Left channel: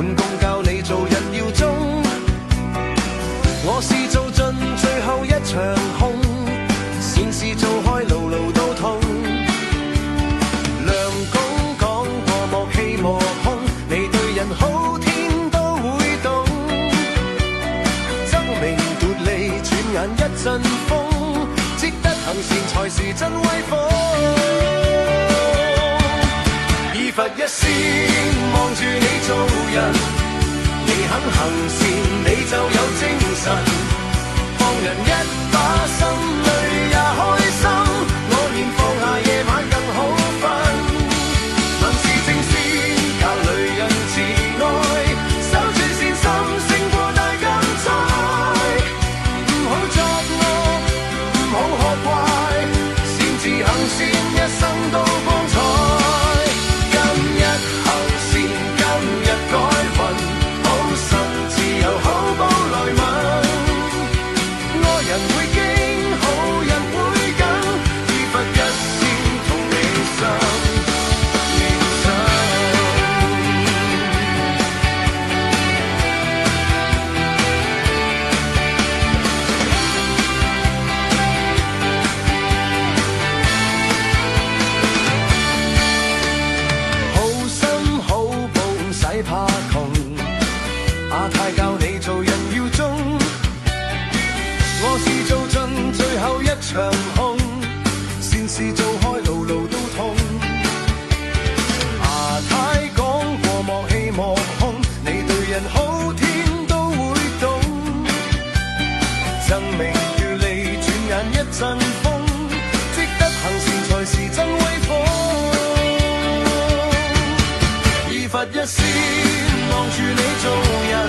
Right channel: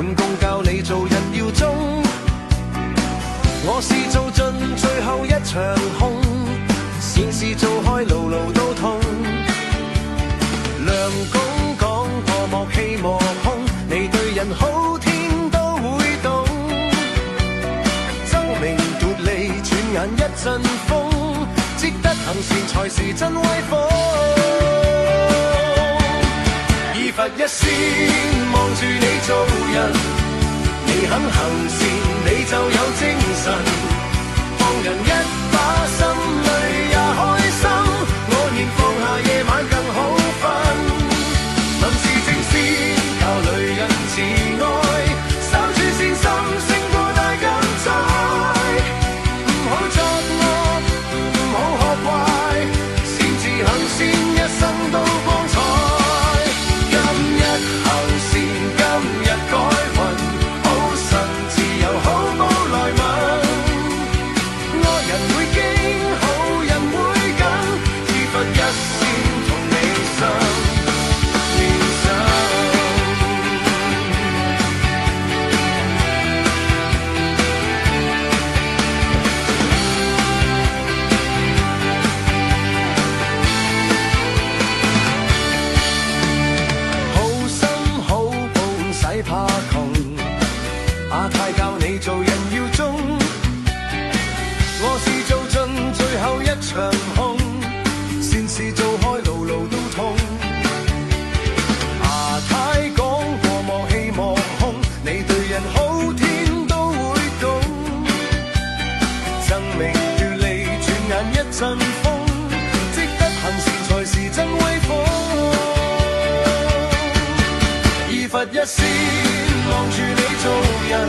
滿共教你做人要忠。我是做盡最後一場空，善事做開路路都通。梁公講過莫欺莫兇，你對人好天都會懂。爭名奪利轉眼一陣風，積德行善才是真威風。以佛一線望住你做人，你肯行善你就有精神，放人一把心裏也開心，我念放下夜晚更好瞓。問事正先教女人自愛，守住善心勝過大金災。唔好作惡唔好學壞，善自行善一生都光彩。今日行善今日改運，好神自由好報來問。愛人會驚好人會緊，以佛一線同你心連心。好心好報唔使怕窮，阿太教你做人要忠。我是做盡最後一場空，善事做開路路都通。阿太講過莫欺莫兇，你對人好天都會懂。爭名奪利轉眼一陣風，積德行善才是真威風。以佛一線望住你做人，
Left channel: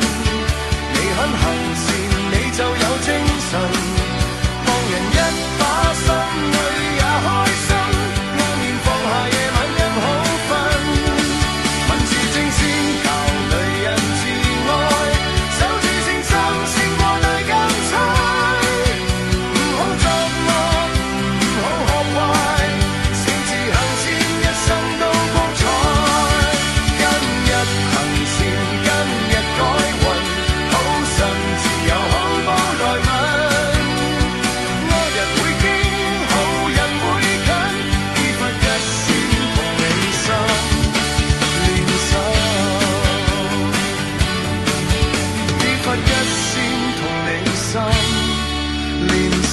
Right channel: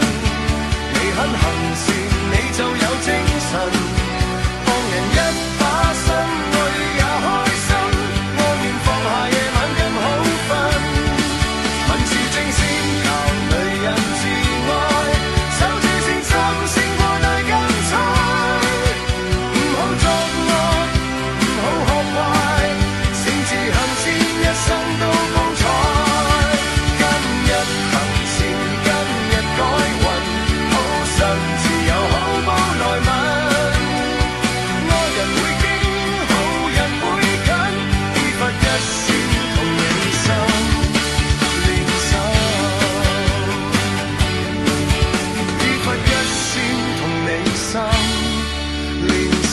你肯行善你就有精神，放人一把心裏也開心，安念放下夜晚更好瞓。問事正先教女人自愛，守住善心勝過大金災。唔好作惡唔好學壞，善自行善一生都光彩。今日行善今日改運，好心自由好報來問。愛人會驚好人會近，以佛一線同你心連心。以佛一線同你心連心。